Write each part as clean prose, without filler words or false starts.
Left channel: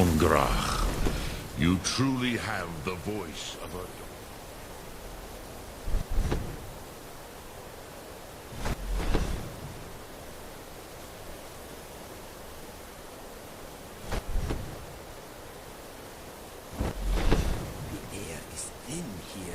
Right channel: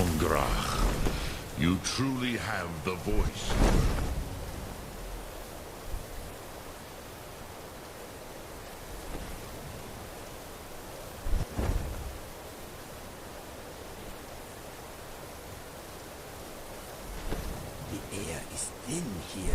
Hongrach. You truly have the voice. The air is thin here.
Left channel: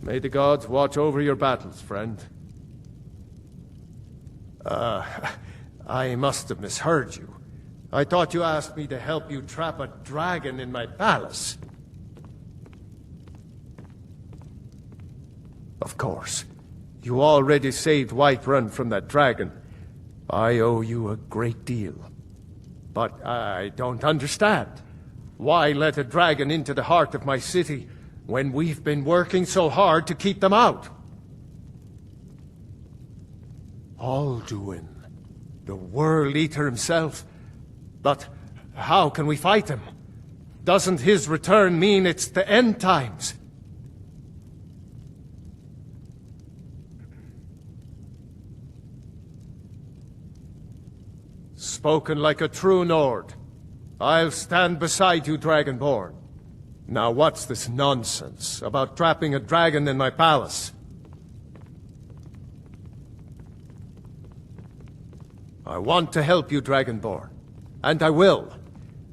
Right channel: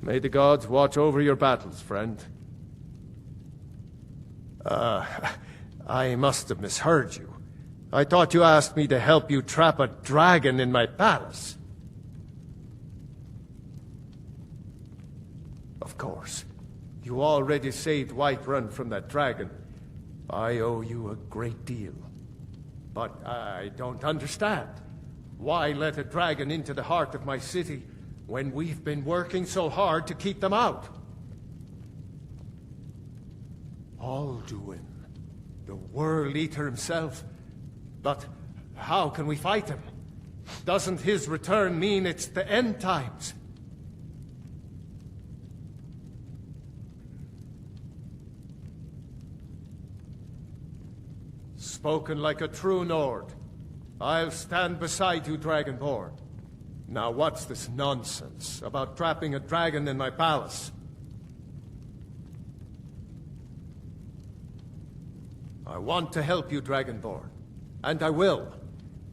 May the gods watch over your battles, friend. I must have misheard you. I thought you asked me to help you trap a dragon in my palace. Of course. You already saved Whiterun from that dragon. I owe you a great deal. But I don't understand. Why let a dragon into the heart of my city when we've been working so hard to keep them out? Alduin, the World Eater himself. But how can we fight him? Doesn't his return mean it's the end times? Spoken like a true Nord. I'll stand beside you, Dragonborn. Now what's this nonsense about trapping a dragon in my palace? I want to help you, Dragonborn. And I will.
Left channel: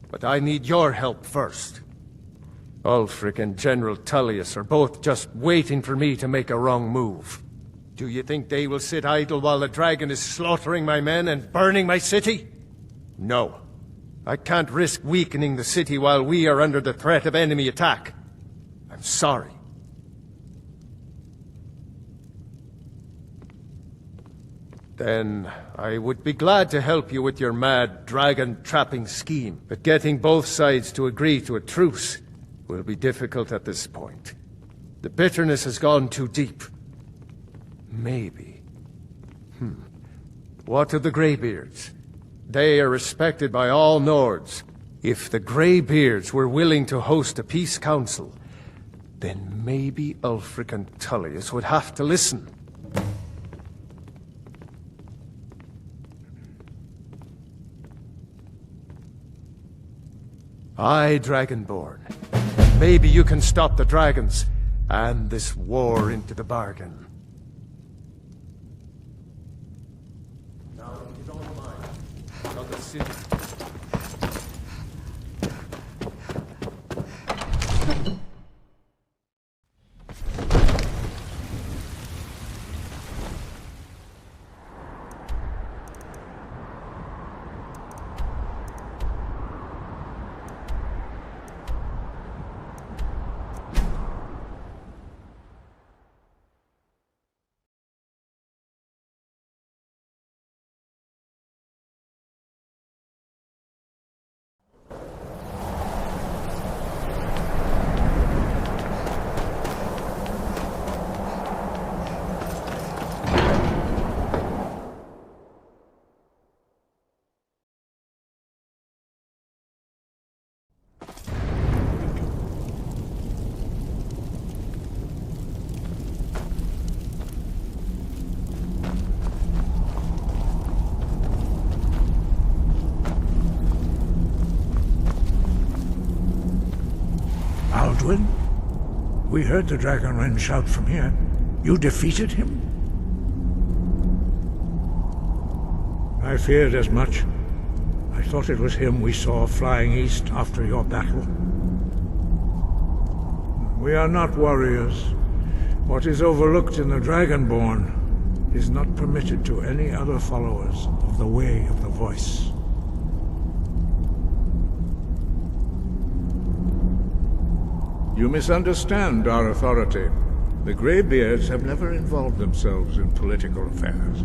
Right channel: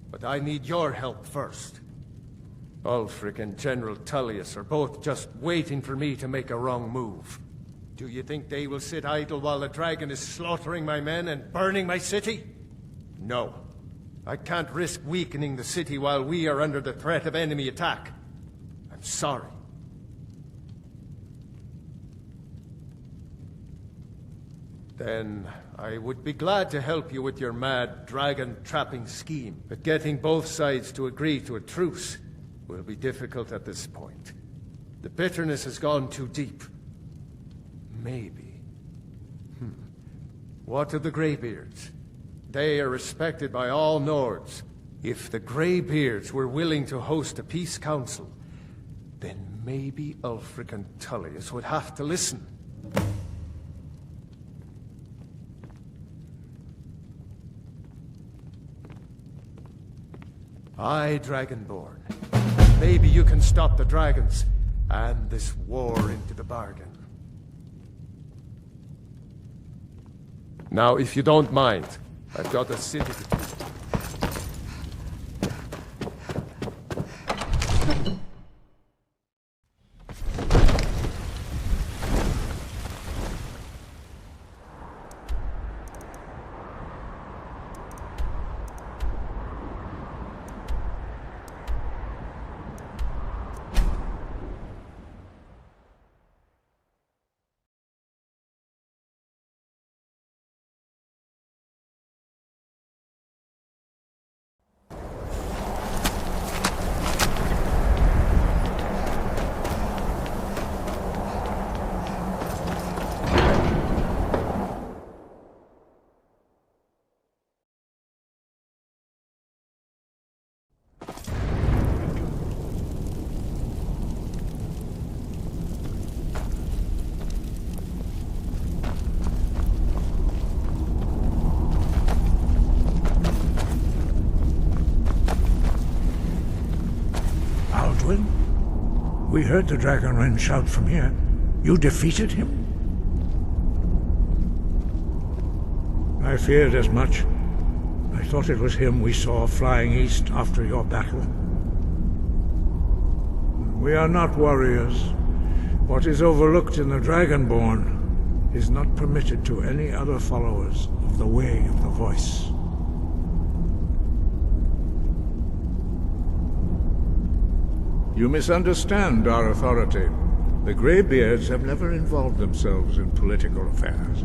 But I need your help first. Ulfric and General Tullius are both just waiting for me to make a wrong move. Do you think they will sit idle while the dragon is slaughtering my men and burning my city? No. I can't risk weakening the city while we are under the threat of enemy attack. I'm sorry. Then I would be glad to help you with your mad dragon-trapping scheme, but getting both sides to agree to a truce will be difficult at this point. The bitterness has gone too deep. Maybe. What of the Greybeards? They are respected by all Nords. If the Greybeards were willing to host a peace council, then maybe Ulfric and Tullius would have to listen. Aye, Dragonborn. Maybe you can stop the dragons, and this war into the bargain. Now, if you don't mind, I've got a city to... Alduin? We heard the Dragonrend shout from here. You defeated him? I feared as much. I thought it was him we saw flying east after your battle. We are not warriors. What is overlooked in the Dragonborn is not permitted to any other followers of the Way of the Voice. You misunderstand our authority. The Greybeards have never involved themselves in political affairs.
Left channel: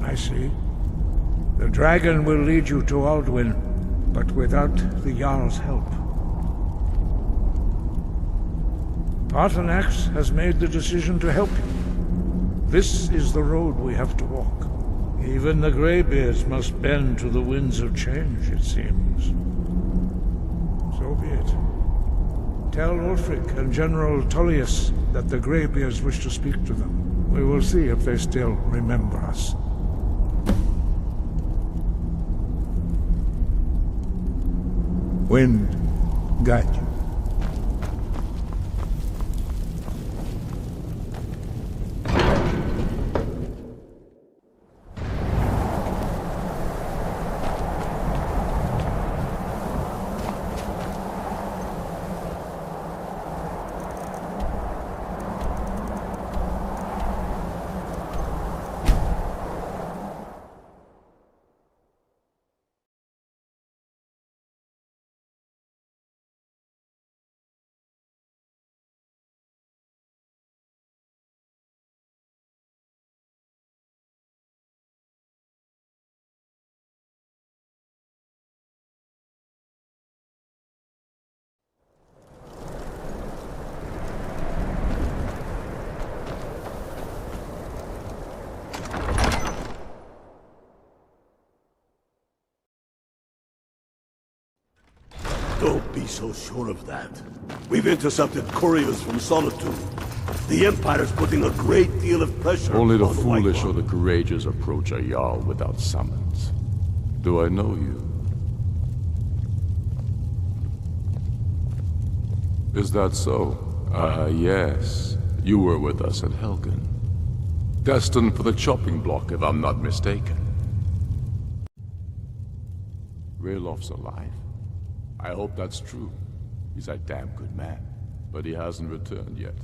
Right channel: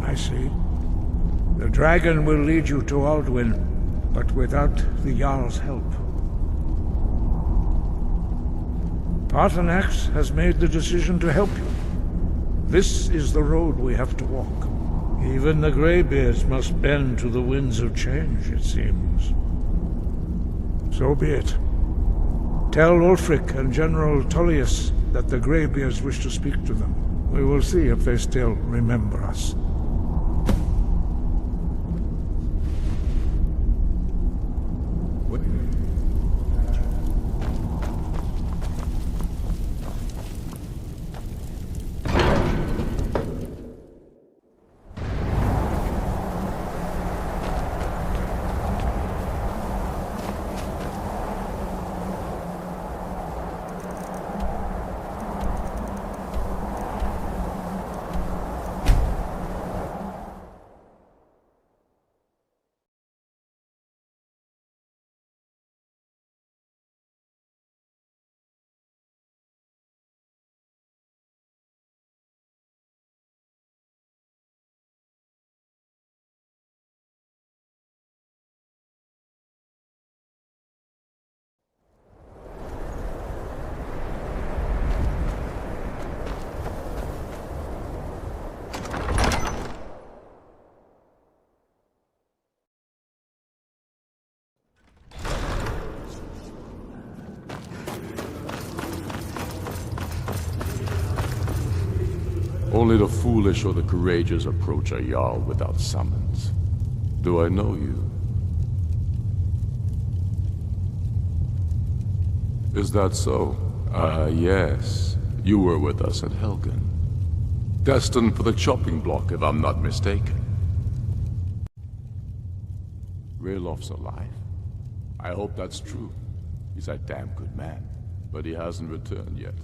I see. The dragon will lead you to Alduin, but without the Jarl's help. Paarthurnax has made the decision to help you. This is the road we have to walk. Even the Greybeards must bend to the winds of change, it seems. So be it. Tell Ulfric and General Tullius that the Greybeards wish to speak to them. We will see if they still remember us. Wind, guide you. Don't be so sure of that. We've intercepted couriers from Solitude. The Empire's putting a great deal of pressure... Only the on foolish White or the courageous approach a Jarl without summons. Do I know you? Is that so? Yes. You were with us at Helgen. Destined for the chopping block, if I'm not mistaken. Raylof's alive? I hope that's true. He's a damn good man, but he hasn't returned yet.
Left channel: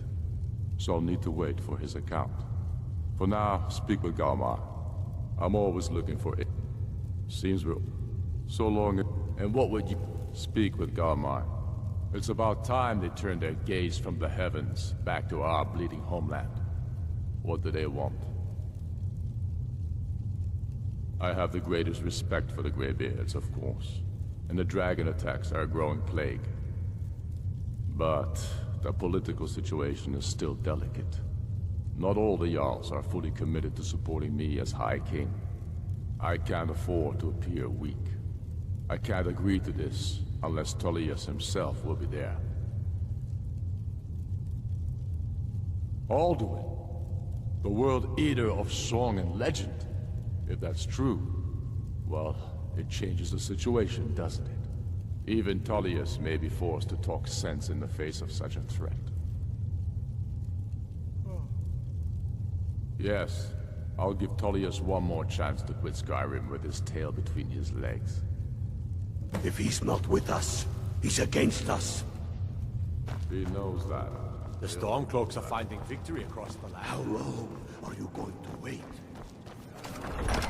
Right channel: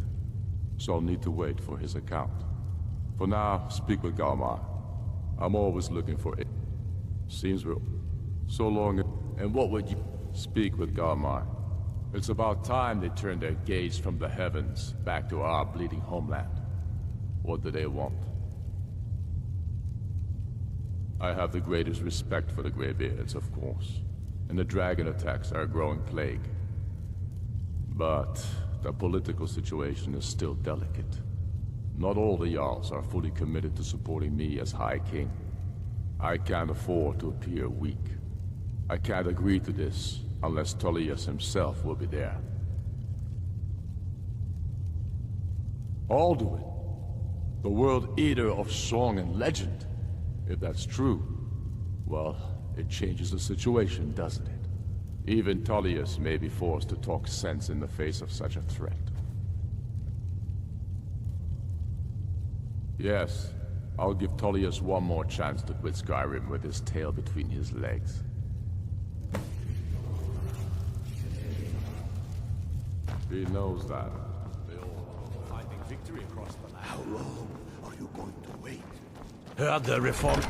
So I'll need to wait for his account. For now, speak with Galmar. I'm always looking for it. Seems we're so long. And what would you speak with Galmar? It's about time they turned their gaze from the heavens back to our bleeding homeland. What do they want? I have the greatest respect for the Greybeards, of course, and the dragon attacks are a growing plague. But the political situation is still delicate. Not all the Jarls are fully committed to supporting me as High King. I can't afford to appear weak. I can't agree to this unless Tullius himself will be there. Alduin, the World Eater of song and legend. If that's true, well, it changes the situation, doesn't it? Even Tullius may be forced to talk sense in the face of such a threat. Yes, I'll give Tullius one more chance to quit Skyrim with his tail between his legs. If he's not with us, he's against us. He knows that. The Stormcloaks are finding victory across the land. How long are you going to wait? Heard the reform.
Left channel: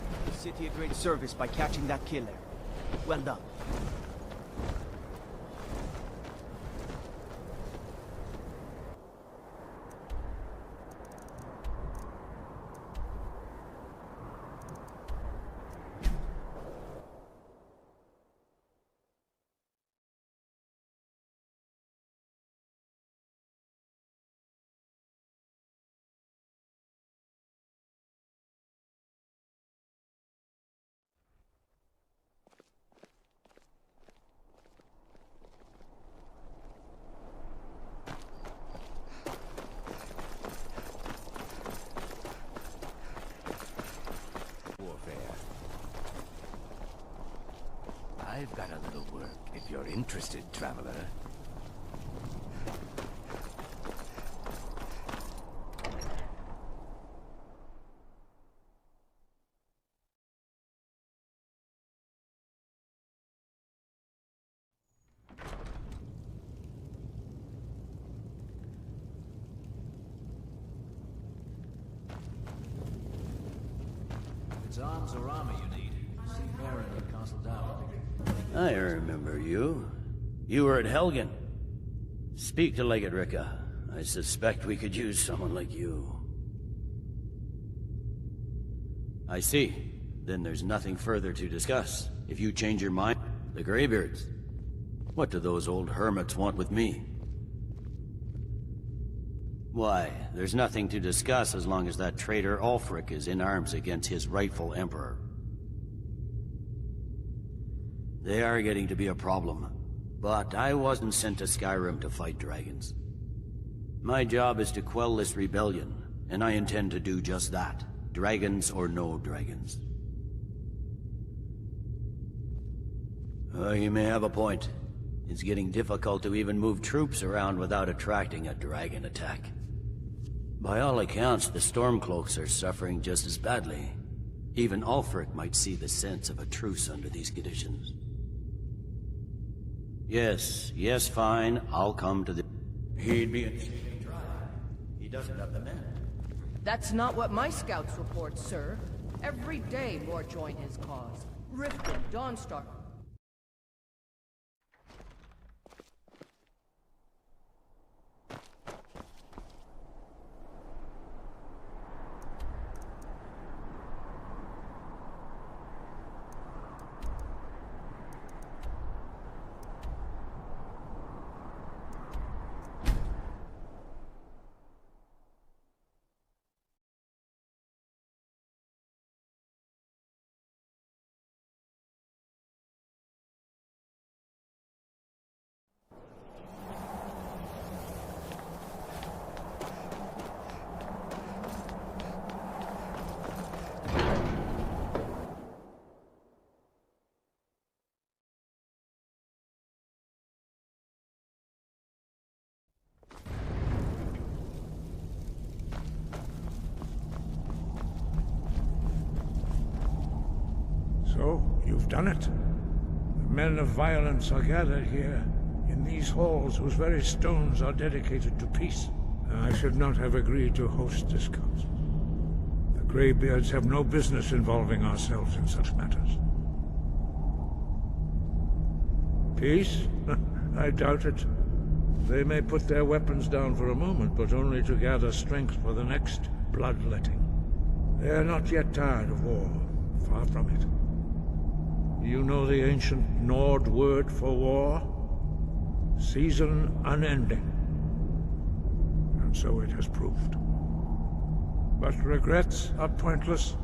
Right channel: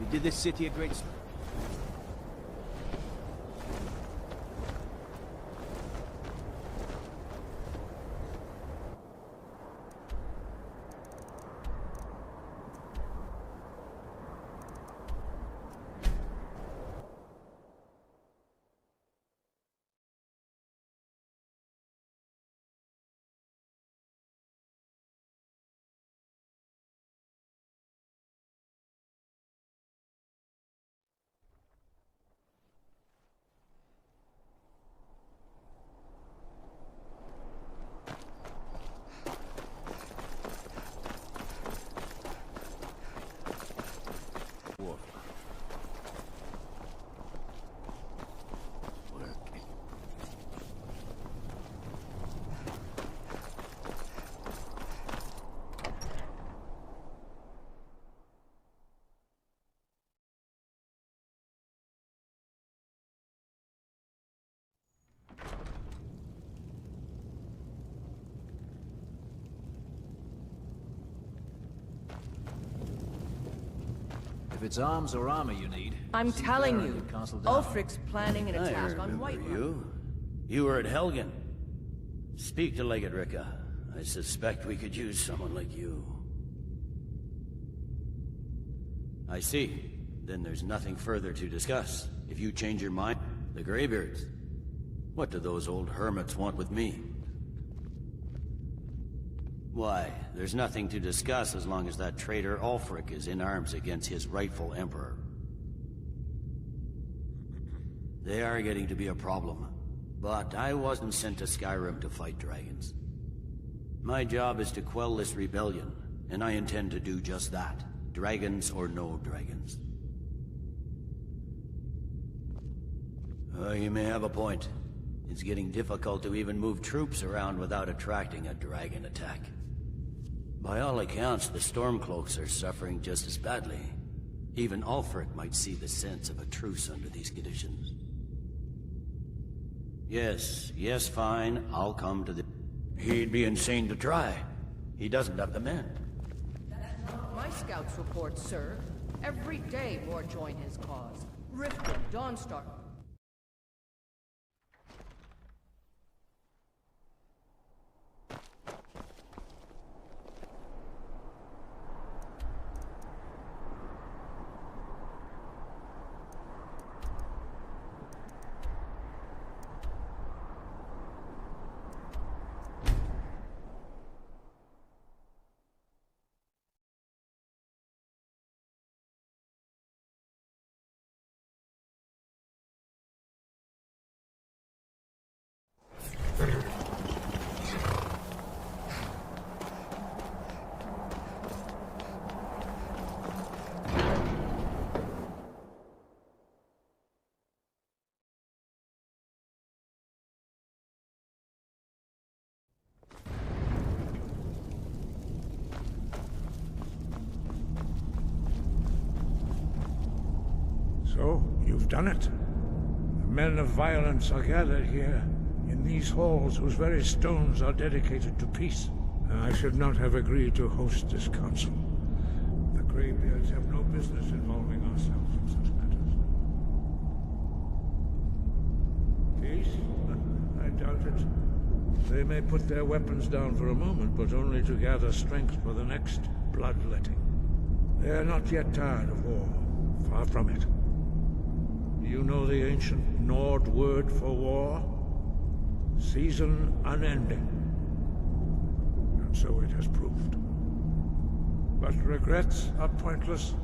You did this city a great service by catching that killer. Well done. I've got a little work if you're interested, traveler. If it's arms or armor you need, I'm see telling Baron you, at Castle Down. Ulfric's planning an I attack on remember White. you. You were at Helgen. Speak to Legate Ricka. I suspect we could use someone like you. I see. Then there's nothing further to discuss. If you change your mind, the Greybeards. What do those old hermits want with me? Why, there's nothing to discuss as long as that traitor Ulfric is in arms against his rightful emperor. They are getting to be a problem. But I wasn't sent to Skyrim to fight dragons. My job is to quell this rebellion, and I intend to do just that. Dragons or no dragons. You may have a point. It's getting difficult to even move troops around without attracting a dragon attack. By all accounts, the Stormcloaks are suffering just as badly. Even Ulfric might see the sense of a truce under these conditions. Yes, fine, I'll come to the... He'd be insane to try. He doesn't have the men. That's not what my scouts report, sir. Every day more join his cause. Riften, Dawnstar. So, you've done it. The men of violence are gathered here, in these halls whose very stones are dedicated to peace. I should not have agreed to host this council. The Greybeards have no business involving ourselves in such matters. Peace? I doubt it. They may put their weapons down for a moment, but only to gather strength for the next bloodletting. They are not yet tired of war. Far from it. You know the ancient Nord word for war? Season unending. And so it has proved. But regrets are pointless.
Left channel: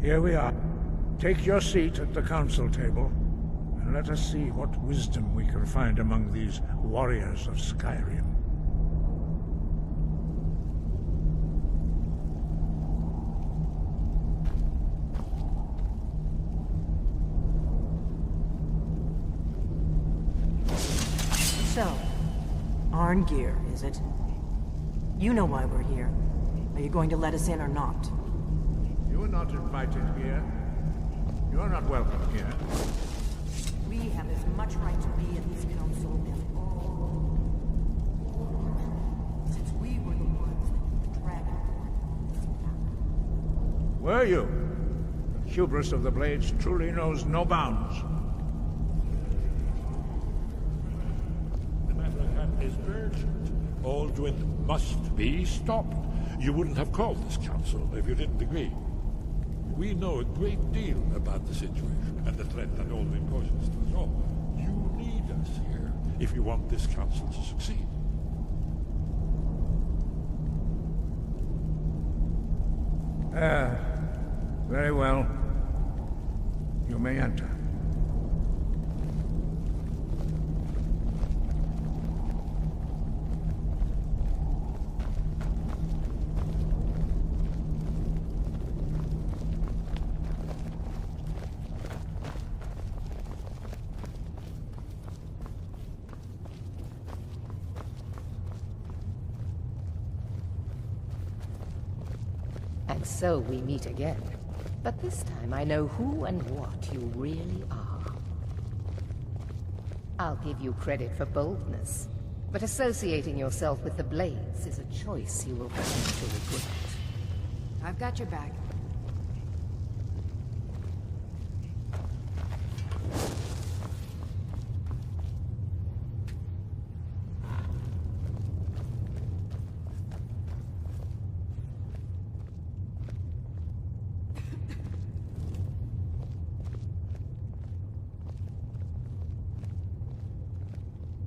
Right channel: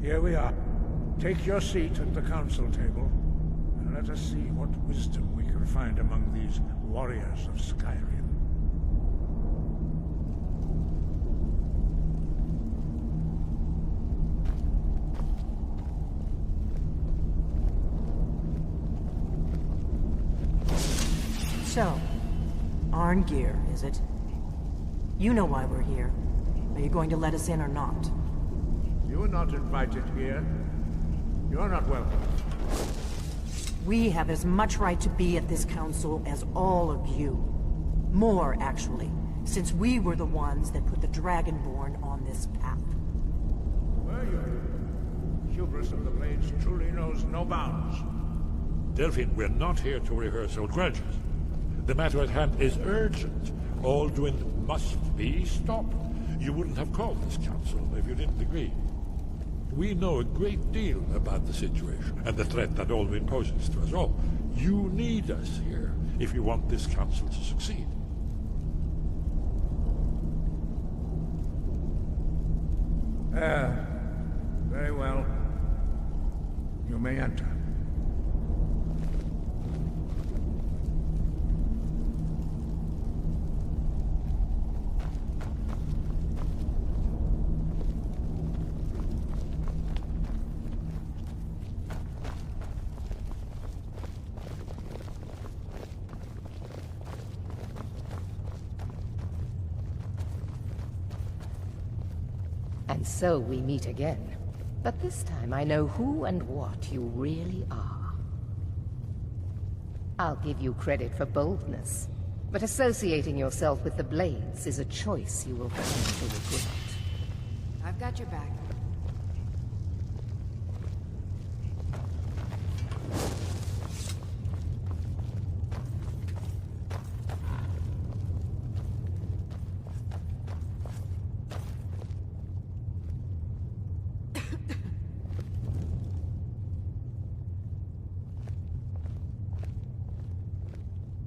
Here we are. Take your seat at the council table, and let us see what wisdom we can find among these warriors of Skyrim. So, Arngeir, is it? You know why we're here. Are you going to let us in or not? You are not invited here. You are not welcome here. We have as much right to be at this council as all of you. More, actually, since we were the ones that put the Dragonborn on this path. Were you? Hubris of the Blades truly knows no bounds. Delphine, we're not here to rehearse old grudges. The matter at hand is urgent. Alduin must be stopped. You wouldn't have called this council if you didn't agree. We know a great deal about the situation and the threat that Alduin poses to us all. You need us here if you want this council to succeed. Very well. You may enter. And so we meet again. But this time I know who and what you really are. I'll give you credit for boldness, but associating yourself with the Blades is a choice you will come to regret. I've got your back.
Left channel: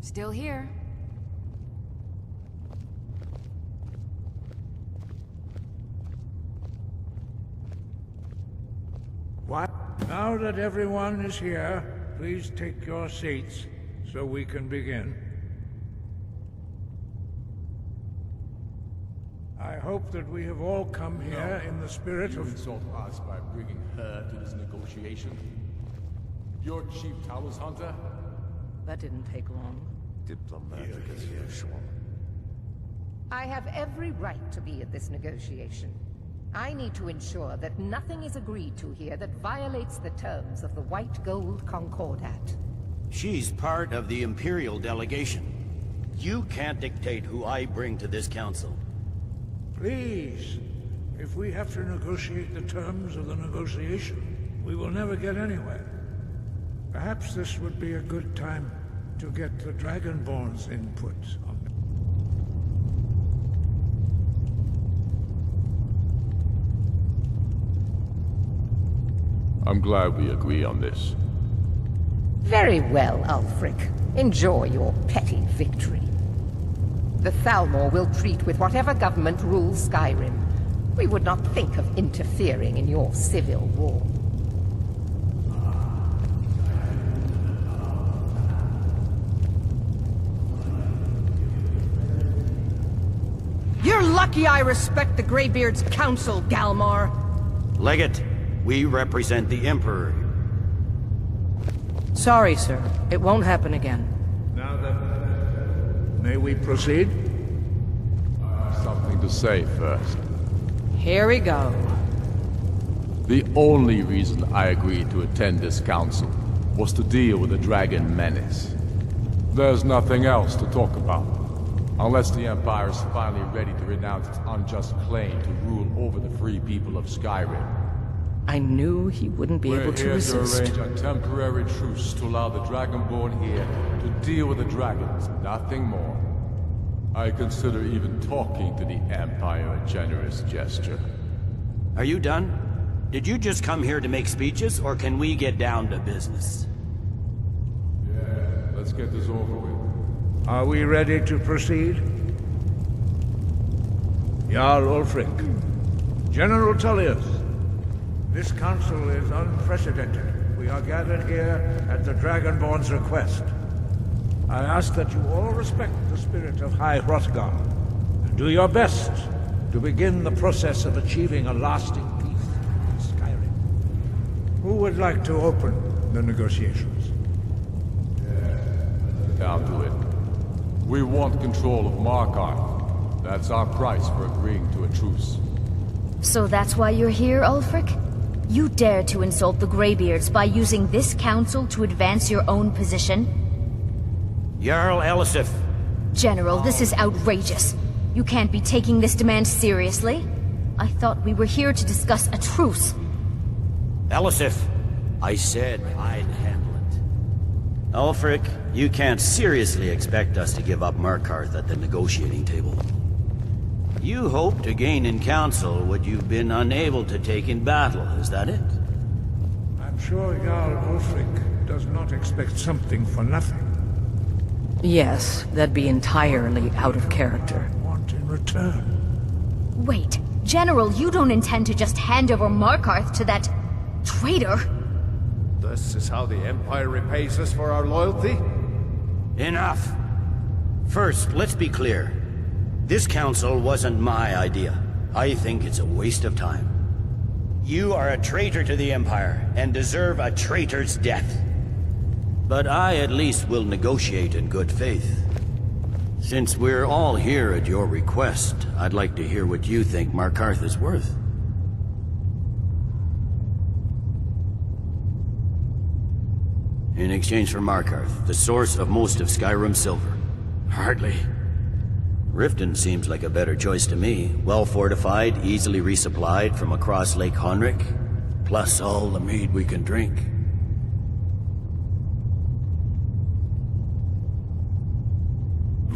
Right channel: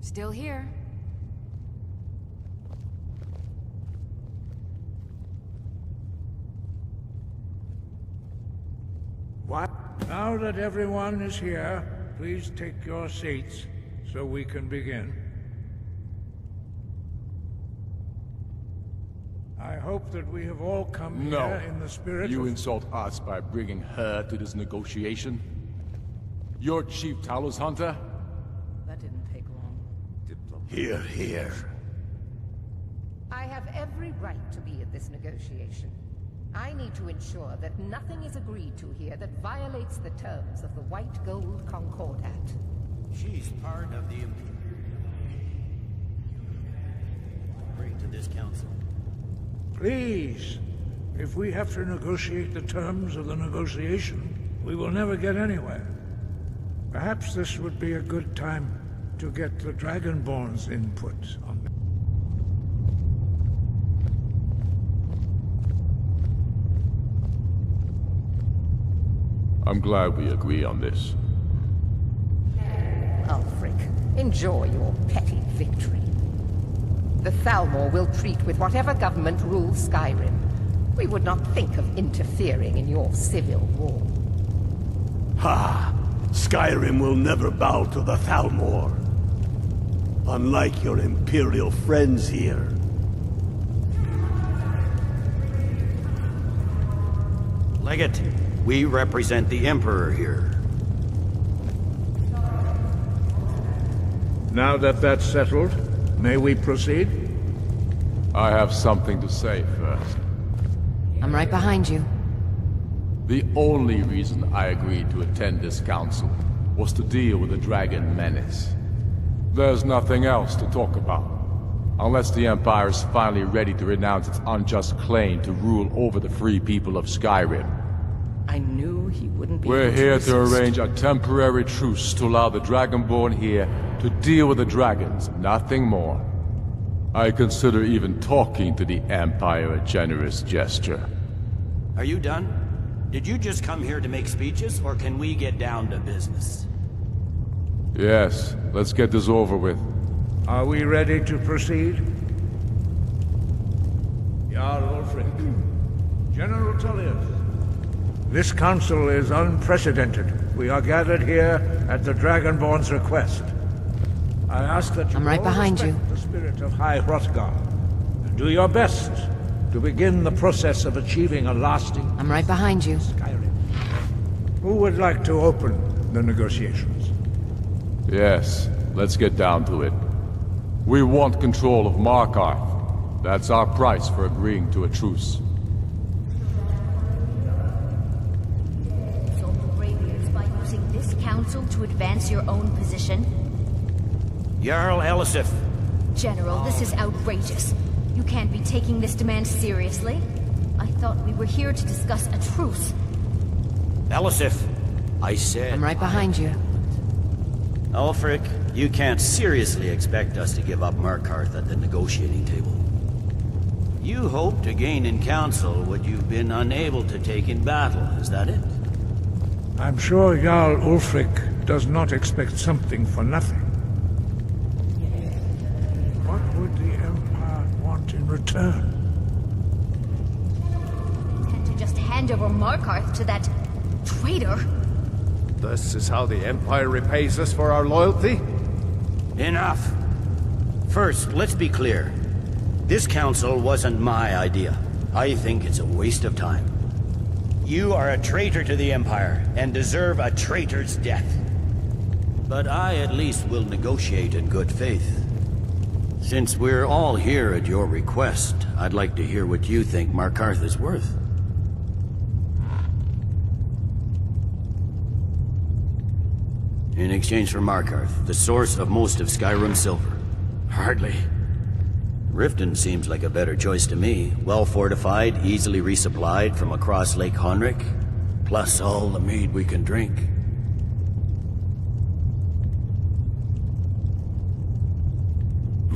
Still here. What? Now that everyone is here, please take your seats so we can begin. I hope that we have all come here in the spirit You of... insult us by bringing her to this negotiation? You're Chief Talos Hunter? That didn't take long. Here, here. I have every right to be at this negotiation. I need to ensure that nothing is agreed to here that violates the terms of the White Gold Concordat. She's part of the Imperial delegation. You can't dictate who I bring to this council. Please, if we have to negotiate the terms of the negotiation, we will never get anywhere. Perhaps this would be a good time to get the Dragonborn's input on it. I'm glad we agree on this. Very well, Ulfric. Enjoy your petty victory. The Thalmor will treat with whatever government rules Skyrim. We would not think of interfering in your civil war. Ha! Skyrim will never bow to the Thalmor. Unlike your Imperial friends here. You're lucky I respect the Greybeard's counsel, Galmar. Legate, we represent the Emperor here. Sorry, sir. It won't happen again. Now that that's settled, may we proceed? I have something to say first. Here we go. Right behind you. The only reason I agreed to attend this council was to deal with the dragon menace. There's nothing else to talk about. Unless the Empire is finally ready to renounce its unjust claim to rule over the free people of Skyrim. I knew he wouldn't be We're able to here resist. to arrange a temporary truce to allow the Dragonborn here to deal with the dragons, nothing more. I consider even talking to the Empire a generous gesture. Are you done? Did you just come here to make speeches, or can we get down to business? Yes, let's get this over with. Are we ready to proceed? Jarl Ulfric, General Tullius, this council is unprecedented. We are gathered here at the Dragonborn's request. I ask that you I'm right all behind respect you. the spirit of High Hrothgar, and do your best to begin the process of achieving a lasting I'm right behind you. Skyrim. Who would like to open the negotiations? Yes, let's get down to it. We want control of Markarth. That's our price for agreeing to a truce. So that's why you're here, Ulfric? You dare to insult the Greybeards by using this council to advance your own position? Jarl Elisif. General, this is outrageous. You can't be taking this demand seriously. I thought we were here to discuss a truce. Elisif, I said I'm right behind you. Ulfric, you can't seriously expect us to give up Markarth at the negotiating table. You hoped to gain in council what you've been unable to take in battle, is that it? I'm sure Jarl Ulfric does not expect something for nothing. Yes, that'd be entirely out of character. Want in return? Wait, General, you don't intend to just hand over Markarth to that traitor? This is how the Empire repays us for our loyalty? Enough. First, let's be clear. This council wasn't my idea. I think it's a waste of time. You are a traitor to the Empire, and deserve a traitor's death. But I at least will negotiate in good faith. Since we're all here at your request, I'd like to hear what you think Markarth is worth. In exchange for Markarth, the source of most of Skyrim's silver. Hardly. Riften seems like a better choice to me. Well fortified, easily resupplied from across Lake Honric, plus all the mead we can drink.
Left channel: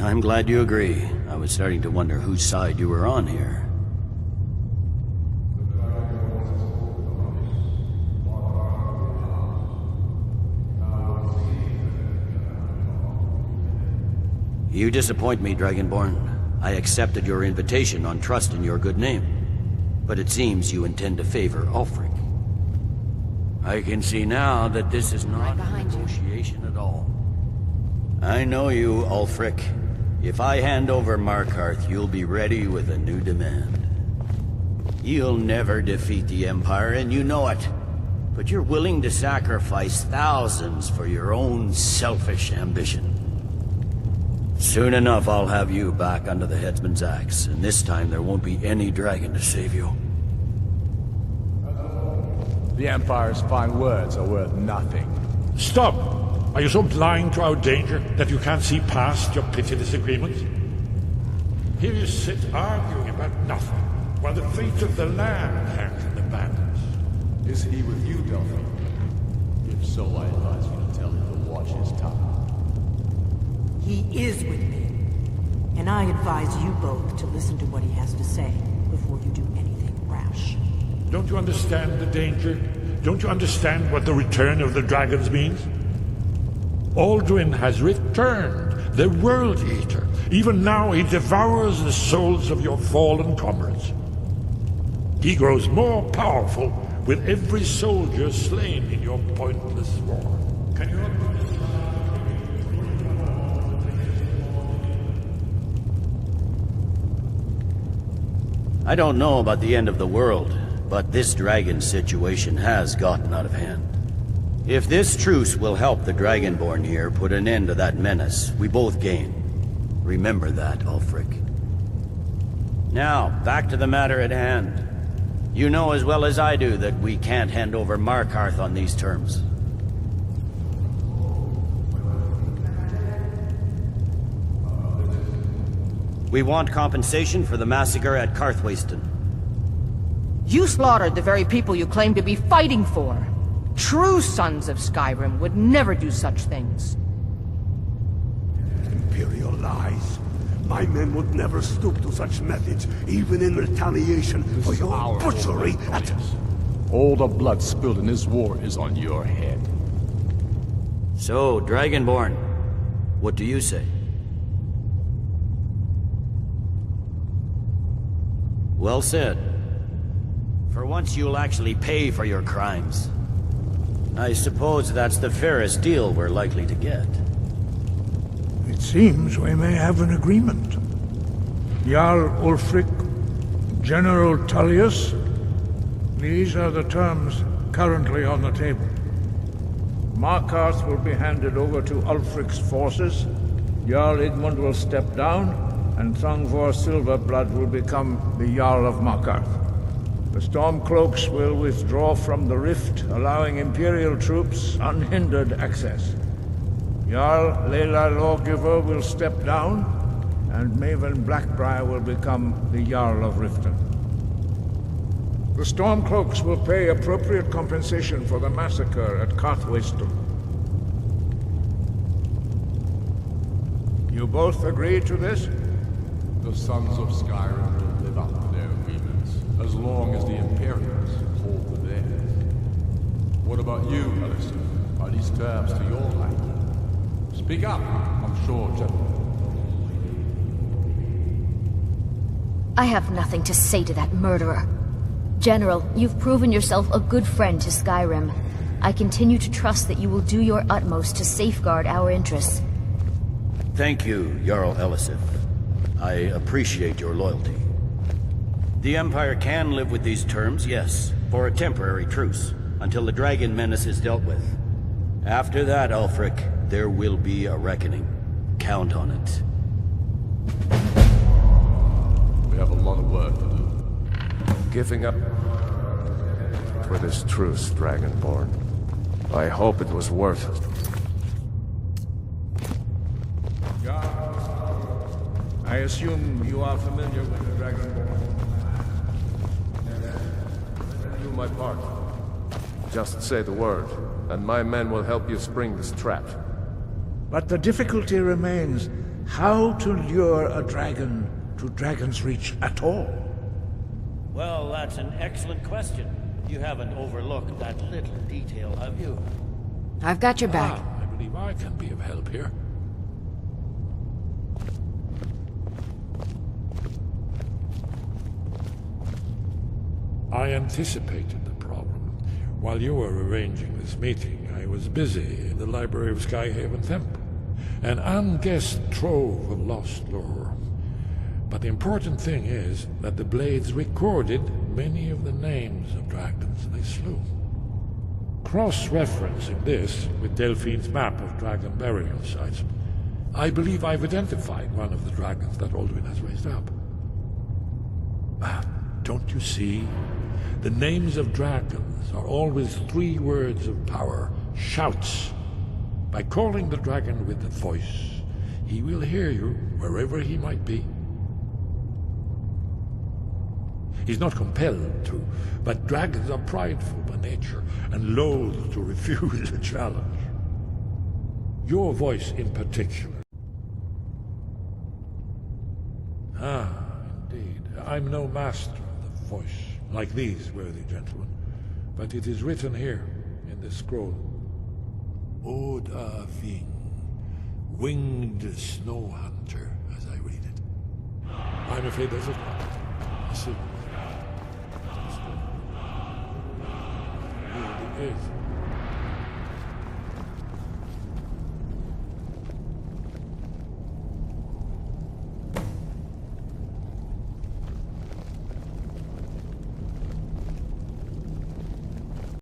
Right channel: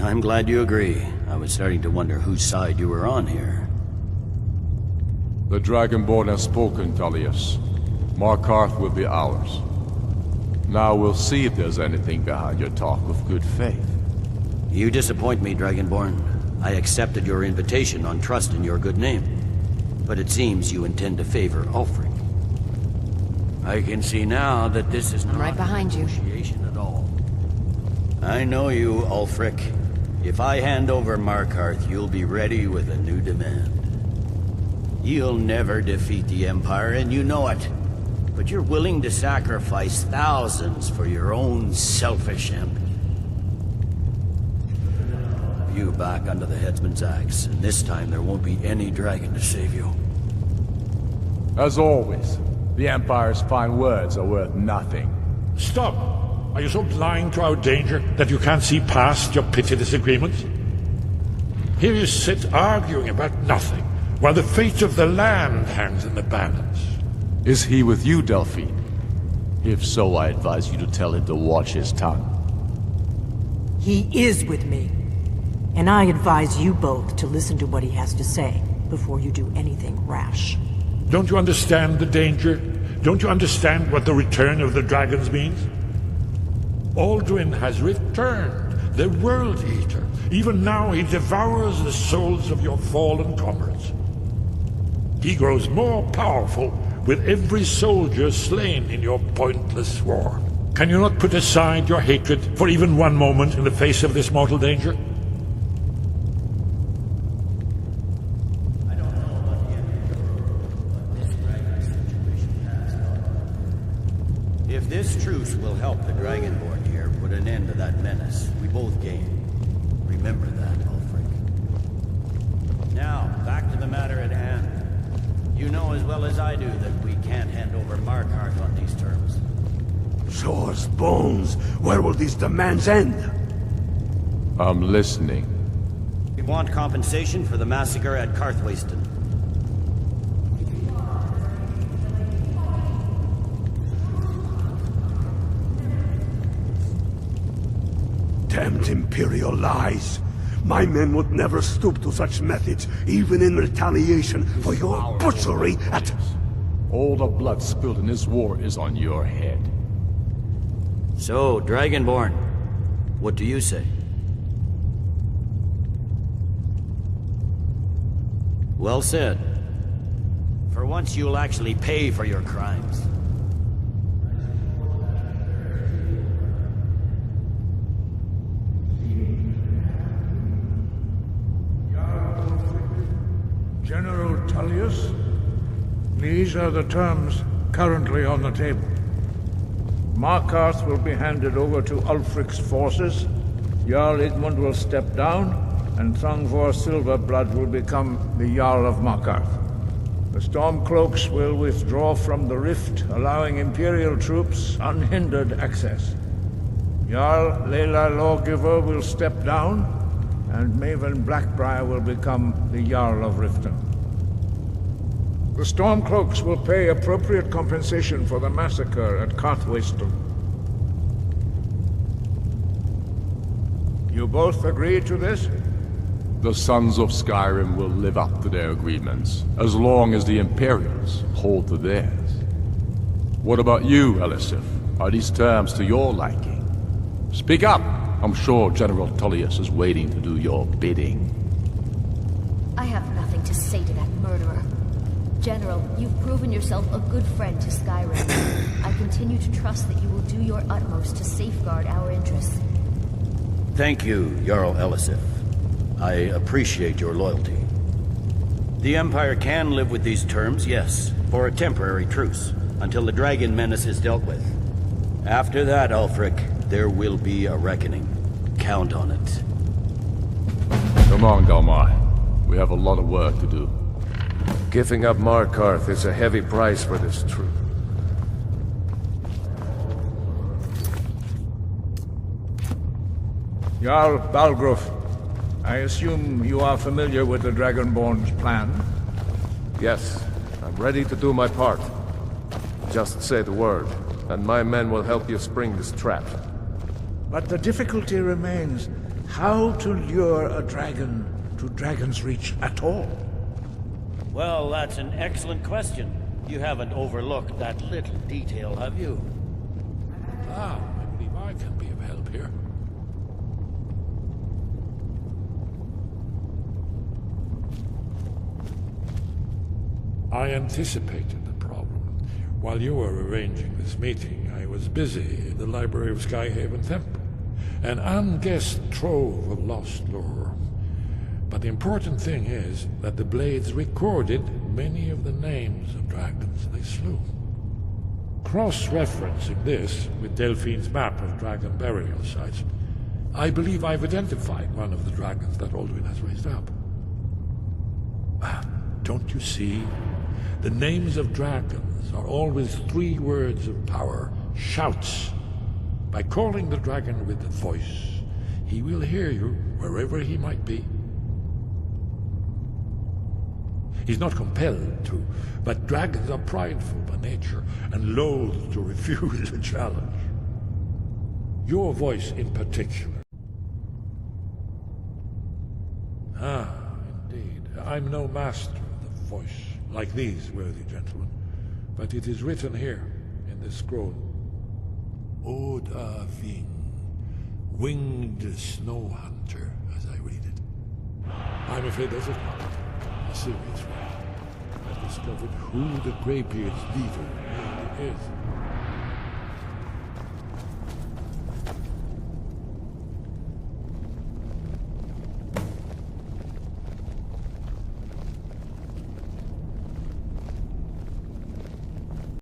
I'm glad you agree. I was starting to wonder whose side you were on here. The Dragonborn has spoken, Tullius. Markarth will be ours. Now we'll see if there's anything behind your talk of good faith. You disappoint me, Dragonborn. I accepted your invitation on trust in your good name. But it seems you intend to favor Ulfric. I can see now that this is not right behind a negotiation at all. I know you, Ulfric. If I hand over Markarth, you'll be ready with a new demand. You'll never defeat the Empire, and you know it. But you're willing to sacrifice thousands for your own selfish ambition. Soon enough, I'll have you back under the headsman's axe, and this time there won't be any dragon to save you. As always, the Empire's fine words are worth nothing. Stop! Are you so blind to our danger that you can't see past your petty disagreements? Here you sit arguing about nothing, while the fate of the land hangs in the balance. Is he with you, Delphine? If so, I advise you to tell him to watch his tongue. He is with me. And I advise you both to listen to what he has to say before you do anything rash. Don't you understand the danger? Don't you understand what the return of the dragons means? Aldrin has returned, the World Eater. Even now he devours the souls of your fallen comrades. He grows more powerful with every soldier slain in your pointless war. Can you not put aside your hatred for even one moment in the face of this mortal danger? I don't know about the end of the world, but this dragon situation has gotten out of hand. If this truce will help the Dragonborn here put an end to that menace, we both gain. Remember that, Ulfric. Now, back to the matter at hand. You know as well as I do that we can't hand over Markarth on these terms. Swords, bones, where will these demands end? I'm listening. We want compensation for the massacre at Karthwasten. You slaughtered the very people you claim to be fighting for. True sons of Skyrim would never do such things. Damned Imperial lies. My men would never stoop to such methods, even in retaliation for your butchery at... All the blood spilled in this war is on your head. So, Dragonborn, what do you say? Well said. For once you'll actually pay for your crimes. I suppose that's the fairest deal we're likely to get. It seems we may have an agreement. Jarl Ulfric, General Tullius, these are the terms currently on the table. Markarth will be handed over to Ulfric's forces, Jarl Igmund will step down, and Thongvor Silverblood will become the Jarl of Markarth. The Stormcloaks will withdraw from the rift, allowing Imperial troops unhindered access. Jarl Leila Lawgiver will step down, and Maven Blackbriar will become the Jarl of Riften. The Stormcloaks will pay appropriate compensation for the massacre at Carthwayston. You both agree to this? The Sons of Skyrim will live up to their agreements, as long as the Imperials hold to theirs. What about you, Elisif? Are these terms to your liking? Speak up! I'm sure General Tullius is waiting to do your bidding. I have nothing to say to that murderer. General, you've proven yourself a good friend to Skyrim. I continue to trust that you will do your utmost to safeguard our interests. Thank you, Jarl Elisif. I appreciate your loyalty. The Empire can live with these terms, yes, for a temporary truce, until the dragon menace is dealt with. After that, Ulfric, there will be a reckoning. Count on it. Come on, Dalmar. We have a lot of work to do. Giving up Markarth is a heavy price for this truce, Dragonborn. I hope it was worth it. Jarl Balgruuf, I assume you are familiar with the Dragonborn's plan? Yes, I'm ready to do my part. Just say the word, and my men will help you spring this trap. But the difficulty remains how to lure a dragon to Dragon's Reach at all. Well, that's an excellent question. You haven't overlooked that little detail, have you? I've got your back. I believe I can be of help here. I anticipated the problem. While you were arranging this meeting, I was busy in the library of Skyhaven Temple. An unguessed trove of lost lore. But the important thing is that the Blades recorded many of the names of dragons they slew. Cross-referencing this with Delphine's map of dragon burial sites, I believe I've identified one of the dragons that Alduin has raised up. Don't you see? The names of dragons are always 3 words of power, shouts. By calling the dragon with the voice, he will hear you wherever he might be. He's not compelled to, but dragons are prideful by nature and loath to refuse a challenge. Your voice in particular. Indeed. I'm no master of the voice, like these worthy gentlemen, but it is written here in this scroll. Oda Ving, winged snow hunter, as I read it. I'm afraid that's it. A serious. Discovered who the Greybeard's leader really is.